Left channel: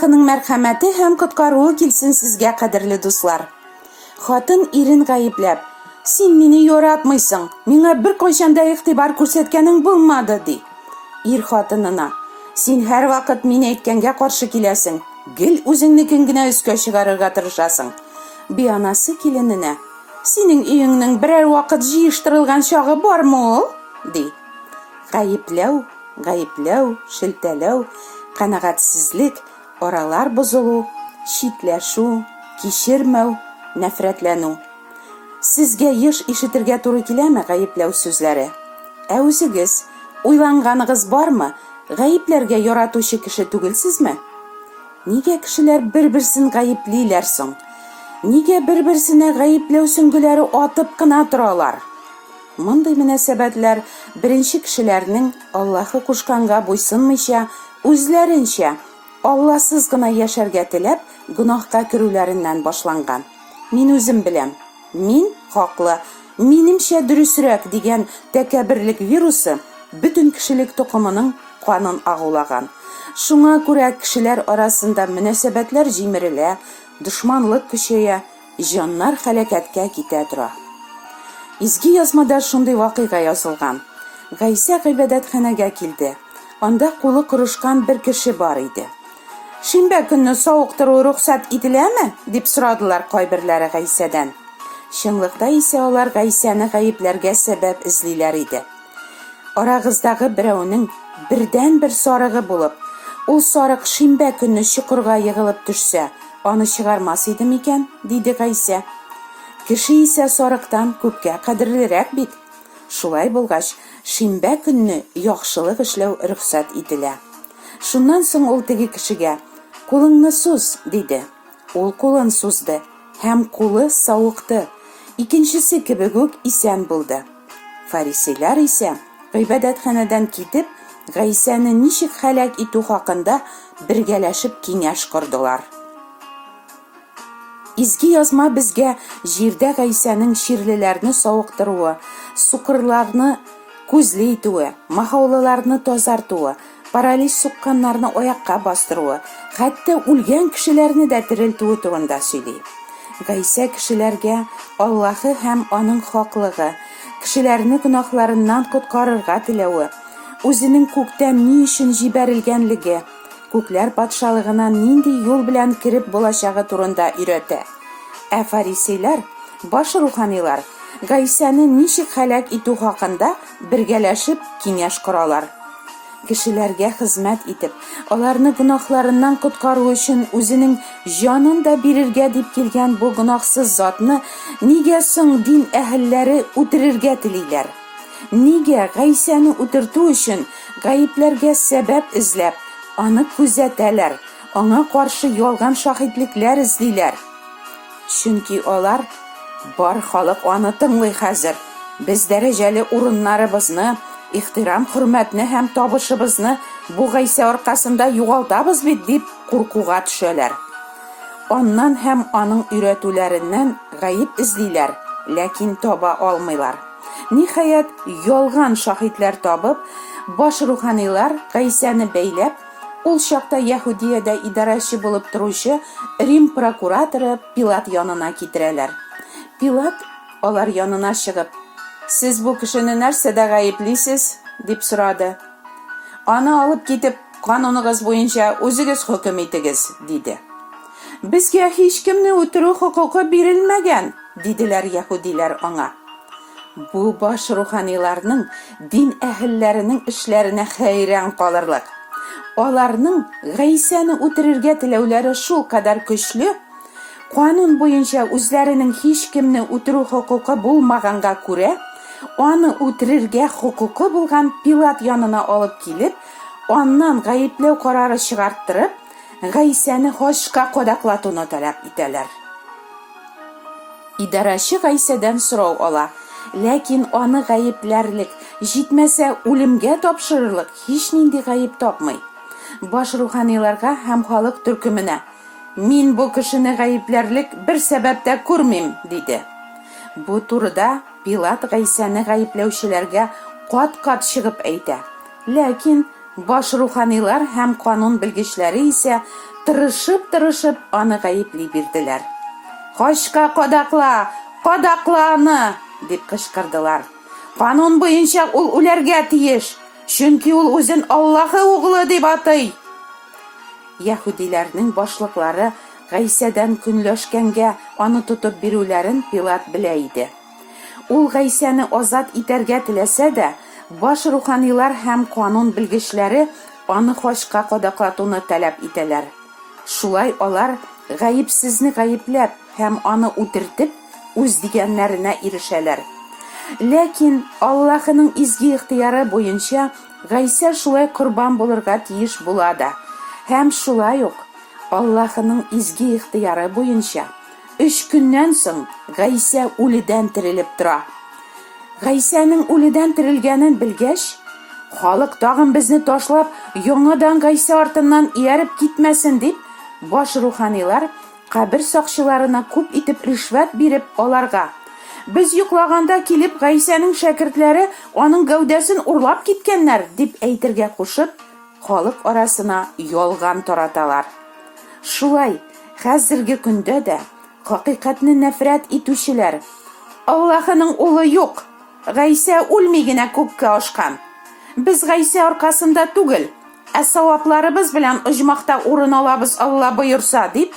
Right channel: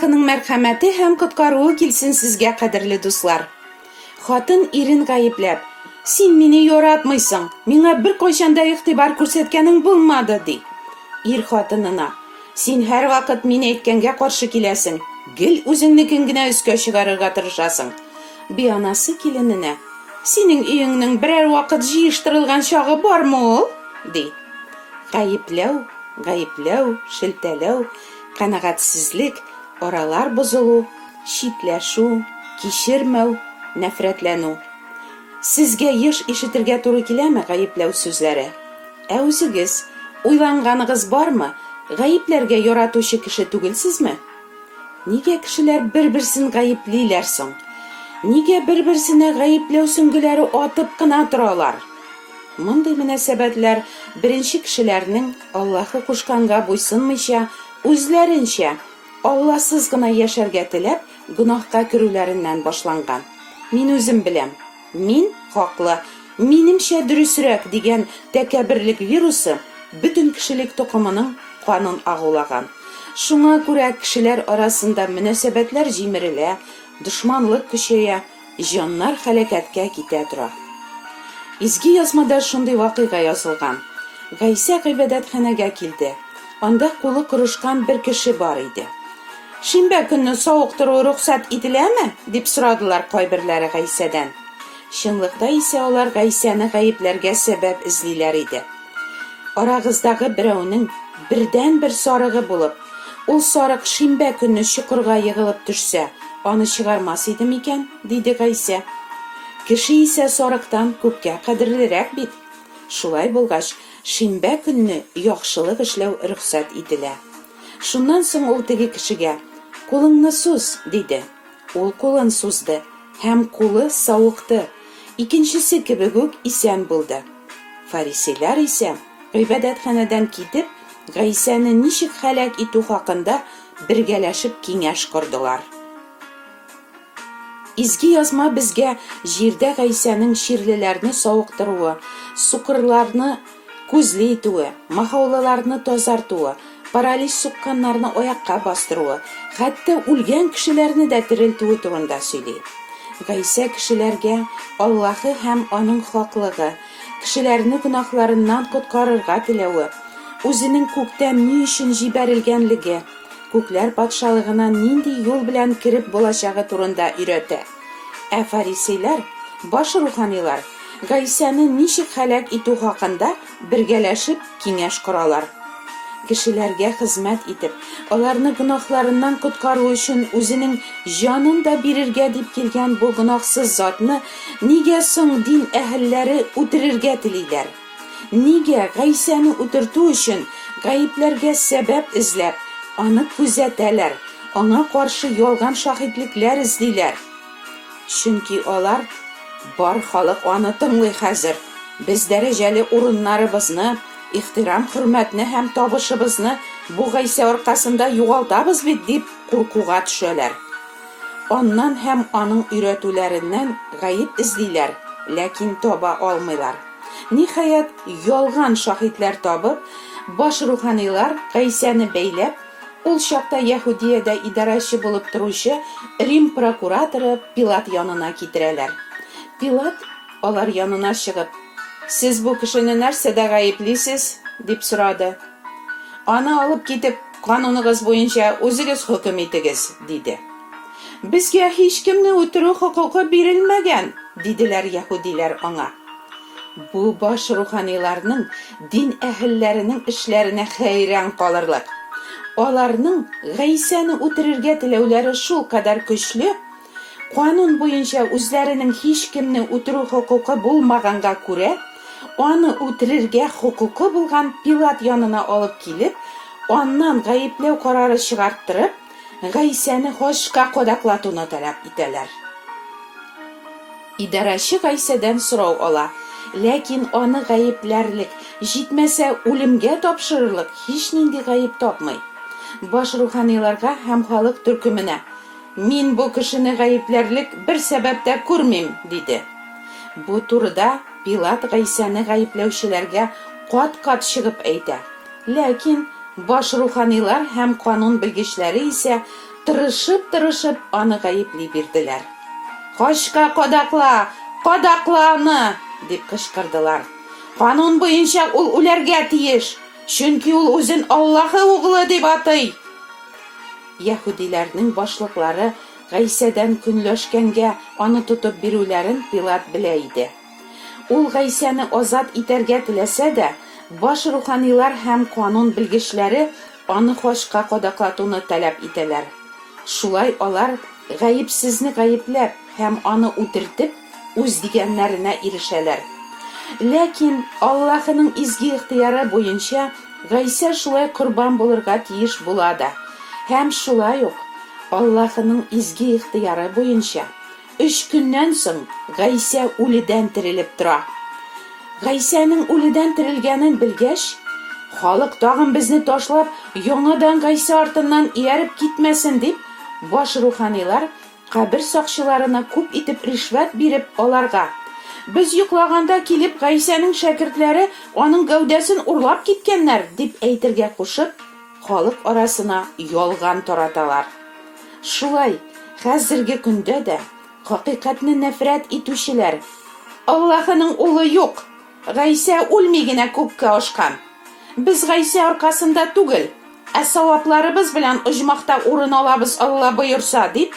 Аллаһның мәрхәмәте һәм коткаруы килсен сезгә, кадерле дуслар. Хатын ирен гаепләп: "Син мине яратмыйсың, миңа бер кайчанда игътибар күрсәткәнең булмады", ди. Ир хатынына: "Син һәр вакыт мин әйткәнгә каршы киләсең, гел үзеңнекен генә өскә чыгарырга тырышасың". Бианасы килененә: "Синең өеңнең берәр вакыт җыештырылган чагы бармы ул?" ди. Гаепләү, шелтәләү, канәгатьсезлек, аралар бозылу, читләшү, кичермәү, нәфрәтләнү. Сезгә еш ишетергә туры киләме гаепләү сүзләре? Ә үзегез уйланганыгыз бармы? Гаепләргә яратучы кеше түгелсезме? Нигә кешеләр бер-берсен гаеплиләр соң? Нигә бер-берсенә гаепләү сөңгеләре атып кына торалар? Мондый мөнәсәбәтләр беренче кешеләрнең Аллаһы кушканга буйсынмыйча, үзләренчә Алласыз гына яшәргә теләп, гунаһка керүләреннән башланган. Мин үзем беләм. Мин хаклы, минемчә дөресрәк дигән тәкәбберлек вирусы бөтен кешелек тукымының канын агулаган. Шуңа күрә кешеләр арасында мөнәсәбәтләр җимерелә, дошманлык көчәя, җаннар һәлакәткә китә тора. Изге язмада шундый вакыйга язылган. Гайсә гыйбадәтханәгә килде. Анда кулы корышкан бер кеше бар иде. "Шимбә көнне сауыктыру рөхсәт ителәме?" дип сорадылар кайберләре Гайсәдән. Чынлыкта исә алар Гайсәне гаепләргә сәбәп эзлиләр иде. Арагыздагы берәүнең бердән-бер сарыгы булып, ул сарык шимбә көнне чокырга егылып төшсә, аны чыгармас иде микән, диде Гайсә. Кеше исә сарыктан күпкә кадерлерәк бит. Шулай булгач, шимбә көнне яхшылык эшләү рөхсәт ителә. Шуннан соң ул теге кешегә: "Кулыңны сус", диде. Ул кулын сузды һәм кулы савыкты. Икенчесе кебек үк исән булды. Фарисейлар исә гыйбадәтханәдән китеп, Гайсәне ничек һәлак итү хакында бергәләшеп киңәш кордылар. Изге язма безгә җирдә Гайсәнең ширлеләрне савыктыруы, сукырларны күзле итүе, махаулыларны тазартуы, паралич сукканнарны аякка бастыруы, хәтта үлгән кешеләрне дә терелтүе турында сөйли. Гайсә кешеләргә Аллаһы һәм аның хаклыгы, кешеләрне гөнаһларыннан коткарырга теләве, үзенең күктән ни өчен җибәрелгәнлеге, күкләр патшалыгына нинди юл белән кирип булачагы турында өйрәтә. Ә фарисейлар, баш руханилар, Гайсәне ничек һәлак итү хакында бергәләшеп киңәш коралар. Кешеләргә хезмәт итеп, аларны гөнаһларыннан коткару өчен үзенең җанын да бирергә дип килгән бу гөнаһсыз затны нигә соң дин әһелләре үтерергә телиләр? Нигә Гайсәне үтертү өчен гаепләргә сәбәп эзләп, аны күзәтәләр, аңа каршы ялган шаһидлекләр эзлиләр? Чөнки алар: "Бар халык аны тыңлый хәзер. Без дәрәҗәле урыннарыбызны, ихтирам-хөрмәтне һәм табышыбызны бу Гайсә аркасында югалтабыз бит", дип куркуга төшәләр. Аннан һәм аның өйрәтүләреннән гаеп эзлиләр, ләкин таба алмыйлар. Ниһаять, ялган шаһидләр табып, баш руханилар Гайсәне бәйләп, ул чакта Яһудиядә идарәче булып торучы Рим прокураторы Пилат янына китерәләр. Пилат алар янына чыгып: "Сез бу кешене нәрсәдә гаеплисез?" дип сорады. "Аны алып китеп, кануныгыз буенча үзегез хөкем итегез", диде. "Безгә һич кемне үтерү хокукы бирелмәгән", диделәр яһудилар аңа. Бу баш руханиларның, дин әһелләренең эшләренә хәйран калырлык. Аларның Гайсәне үтерергә теләүләре шул кадәр көчле, канун буенча үзләренең һич кемне үтерү хокукы булмаганга күрә, аны үтерергә хокукы булган Пилат янына алып килеп, аннан гаепләү карары чыгарттырып, Гайсәне хашка кадаклатуны таләп итәләр. Идарәче Гайсәдән сорау ала, ләкин аны гаепләрлек, җитмәсә үлемгә тапшырырлык һич нинди гаеп тапмый. Баш руханиларга һәм халык төркеменә: "Мин бу кешене гаепләрлек бер сәбәп тә күрмим", диде. Бу турыда Пилат Гайсәне гаепләүчеләргә кат-кат чыгып әйтә. Ләкин баш руханилар һәм канун белгечләре исә тырышып аны гаепли бирделәр. Кашка кадакла, кадакла аны, дип кычкырдылар. Канун буенча ул үләргә тиеш, чөнки ул үзен Аллаһы угылы дип атый. Яһудиләрнең башлыклары Гайсәдән көнләшкәнгә аны тотып бирүләрен Пилат белә иде. Ул Гайсәне азат итәргә теләсә дә, баш руханилар һәм канун белгечләре аны хашка кадаклатуны таләп итәләр. Шулай алар гаепсезне гаепләп һәм аны үтертеп, үз дигәннәренә ирешәләр. Ләкин Аллаһының изге ихтыяры буенча Гайсә шулай корбан булырга тиеш була да. Һәм шулай ук Аллаһының изге ихтыяры буенча 3 көннән соң Гайсә үледән терелеп тора. Гайсәнең үледән терелгәнен белгәч, халык тагын безне ташлап, яңадан Гайсә артыннан ияреп китмәсен дип, баш руханилар кабер сакчыларына күп итеп ришвәт биреп аларга. Без йоклаганда килеп Гайсәнең шәкертләре аның гәүдәсен урлап киткәннәр дип әйтергә кушып, халык арасына ялган тараталар. Шулай, хәзерге көндә дә хакыйкатьне нәфрәт итүчеләр Аллаһының улы юк, Гайсә үлми генә күккә ашкан. Без Гайсә аркасында түгел, савапларыбыз белән оҗмахта урын алабыз Алла боерса дип,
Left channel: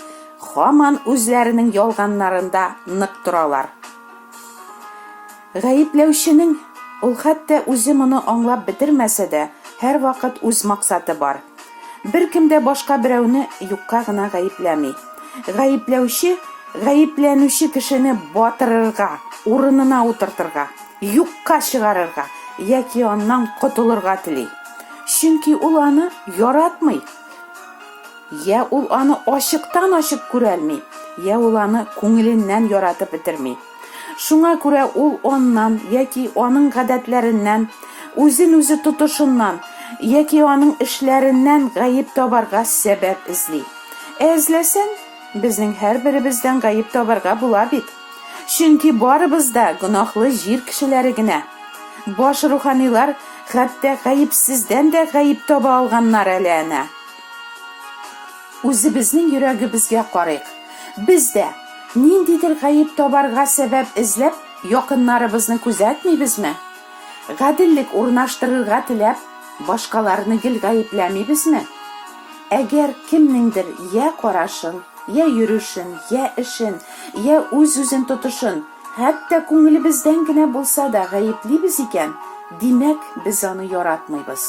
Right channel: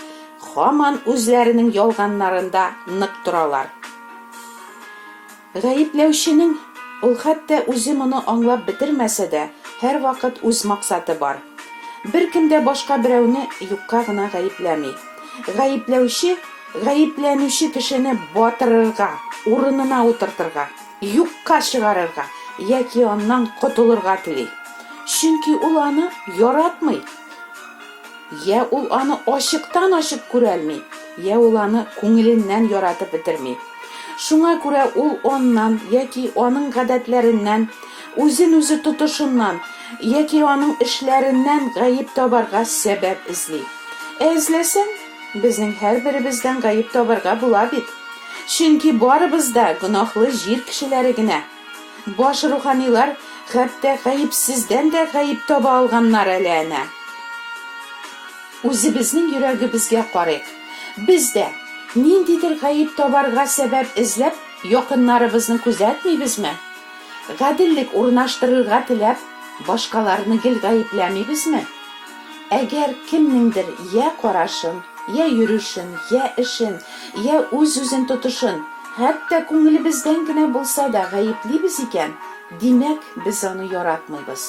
һаман үзләренең ялганнарында нык торалар. Гаепләүченең ул хәтта үзе моны аңлап бетермәсә дә, һәр вакыт үз максаты бар. Беркем дә башка берәүне юкка гына гаепләми. Гаепләүче гаепләнүче кешене батырырга, урынына утыртырга, юкка чыгарырга яки аннан котылырга тели. Чөнки ул аны яратмый. Я ул аны ачыктан-ачык күрәлми, я ул аны күңеленнән яратып бетерми. Шуңа күрә ул оннан яки аның гадәтләреннән, үзен-үзе тотышыннан яки аның эшләреннән гаеп табарга сәбәп эзли. Эзләсәң, безнең һәрберебездән гаеп табарга була бит. Чөнки барыбыз да гөнаһлы җир кешеләре генә. Баш руханилар хәтта гаепсездән дә гаеп таба алганнар әле әнә. Үзебезнең йөрәгебезгә карыйк. Без дә ниндидер гаеп табарга сәбәп эзләп, якыннарыбызны күзәтмибезме? Гаделлек урнаштырырга теләп, башкаларны гел гаепләмибезме? Әгәр кемнеңдер я карашын, я йөрүшен, я эшен, я үз-үзен тотышын, хәтта күңелебездән генә булса да гаеплибез икән, димәк, без аны яратмыйбыз.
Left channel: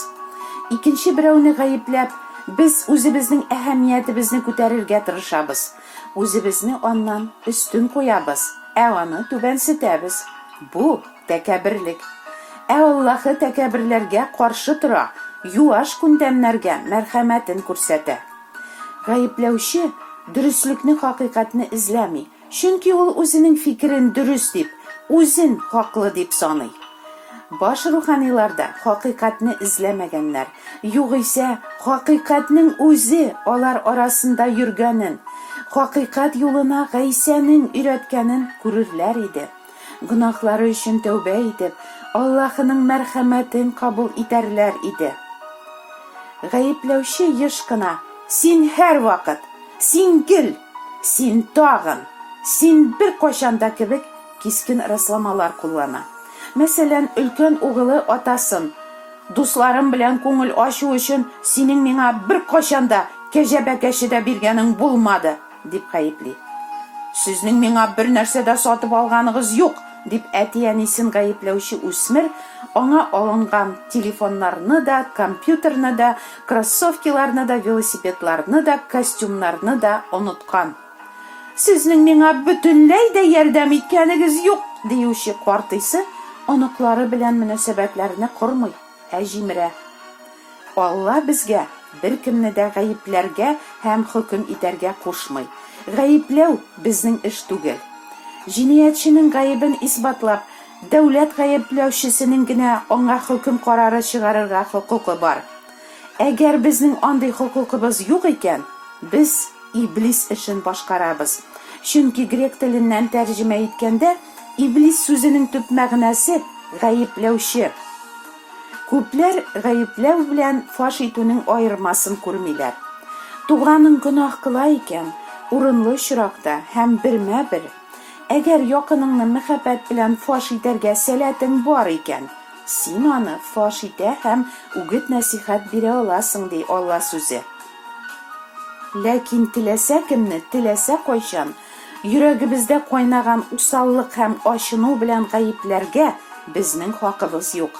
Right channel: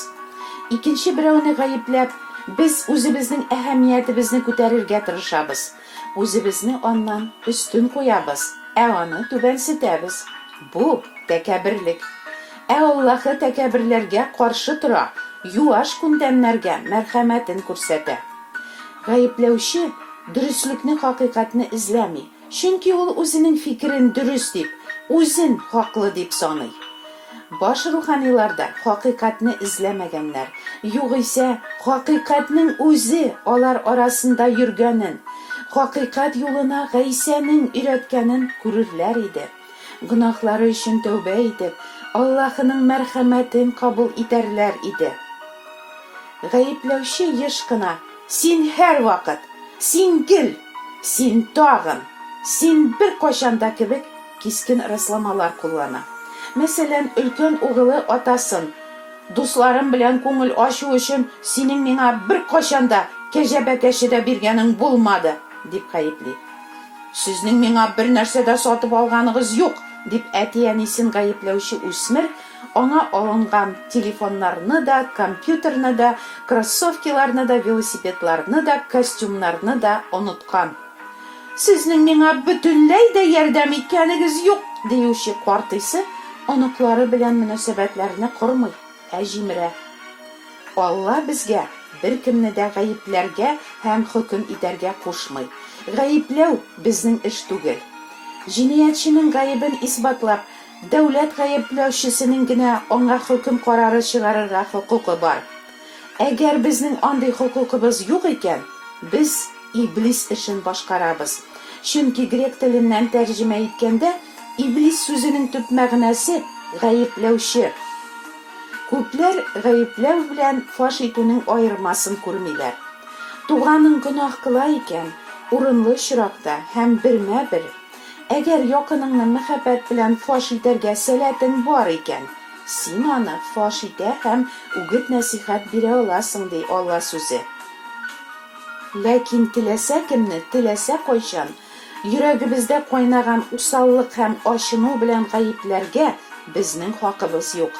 Икенче берәүне гаепләп, без үзебезнең әһәмиятебезне күтәрергә тырышабыз. Үзебезне аннан өстен куябыз, аны түбәнсетәбез. Бу тәкәберлек. Аллаһы тәкәберләргә каршы тора, юаш күндәмнәргә мәрхәмәтен күрсәтә. Гаепләүче дөреслекне, хакыйкатьне эзләми, чөнки ул үзенең фикерен дөрес дип, үзен хаклы дип саный. Баш руханиларда хакыйкатьне эзләмәгәннәр, югыйсә хакыйкатьнең үзе алар арасында йөргәнен, хакыйкать юлына Гайсәнең өйрәткәнен күрерләр иде. Гөнаһлары өчен тәүбә итеп, Аллаһының мәрхәмәтен кабул итәрләр иде. Гаепләүче еш кына: "Син һәр вакыт, син гел, син тагын, син бер кашанда" кебек кискен рәсламалар куллана. Мәсәлән, өлкән угылы атасын: "Дусларым белән күңел ачу өчен синең миңа бер кашанда кәҗәбәкәше дә биргәнең булмады" дип гаепли. "Сезнең миңа бер нәрсә дә сатып алганыгыз юк" дип әти-әнисен гаепләүче үсмер аңа алынган телефоннарны да, компьютерны да, кроссовкаларны да, велосипедларны да, костюмнарны да оныткан. "Сезнең миңа бөтенләй дә ярдәм иткәнегез юк" диюче картыйсы оныклары белән мөнәсәбәтләрне кормый, җимерә. Алла безгә беркемне дә гаепләргә һәм хөкем итәргә кушмый. Гаепләү безнең эш түгел. Җинаятьченең гаебен исбатлап, дәүләт гаепләүчесенең генә аңа хөкем карары чыгарырга хокукы бар. Әгәр безнең андый хокукыбыз юк икән, без иблис эшен башкарабыз. Чөнки грек теленнән тәрҗемә иткәндә, иблис сүзенең төп мәгънәсе гаепләүче. Күпләр гаепләү белән фаш итүнең аермасын күрмиләр. Туганың гөнаһ кыла икән, урынлы очракта һәм бермә-бер. Әгәр якыныңны мәхәббәт белән фаш итәргә сәләтең бар икән, син аны фаш итә һәм үгет нәсихәт бирә аласың, ди Алла сүзе. Ләкин теләсә кемне, теләсә кайчан, йөрәгебездә кайнаган усаллык һәм ачыну белән гаепләргә безнең хакыбыз юк.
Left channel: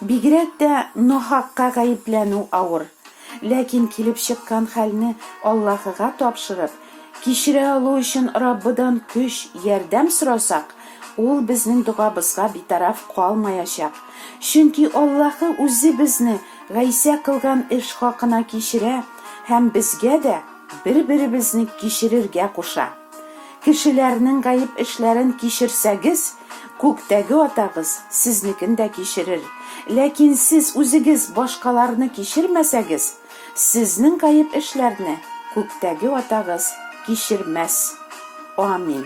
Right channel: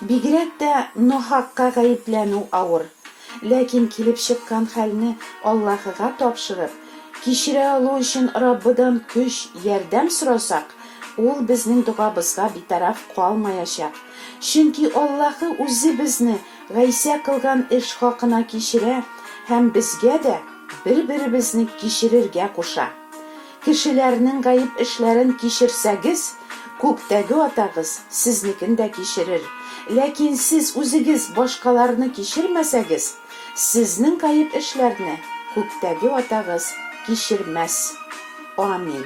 Бигрәк тә нахакка гаепләнү авыр. Ләкин килеп чыккан хәлне Аллаһыга тапшырып, кичерә алу өчен Раббыдан көч, ярдәм сорасак, ул безнең дугабызга битараф калмаячак. Чөнки Аллаһы үзе безне гайсә кылган эш хакына кичерә һәм безгә дә бер-беребезне кичерергә куша. Кешеләрнең гаип эшләрен кичерсәгез, күктәге атагыз сезнекен дә кичерер. Ләкин сез үзегез башкаларны кичермәсәгез, сезнең гаип эшләрне күктәге атагыз кичермәс. Амин.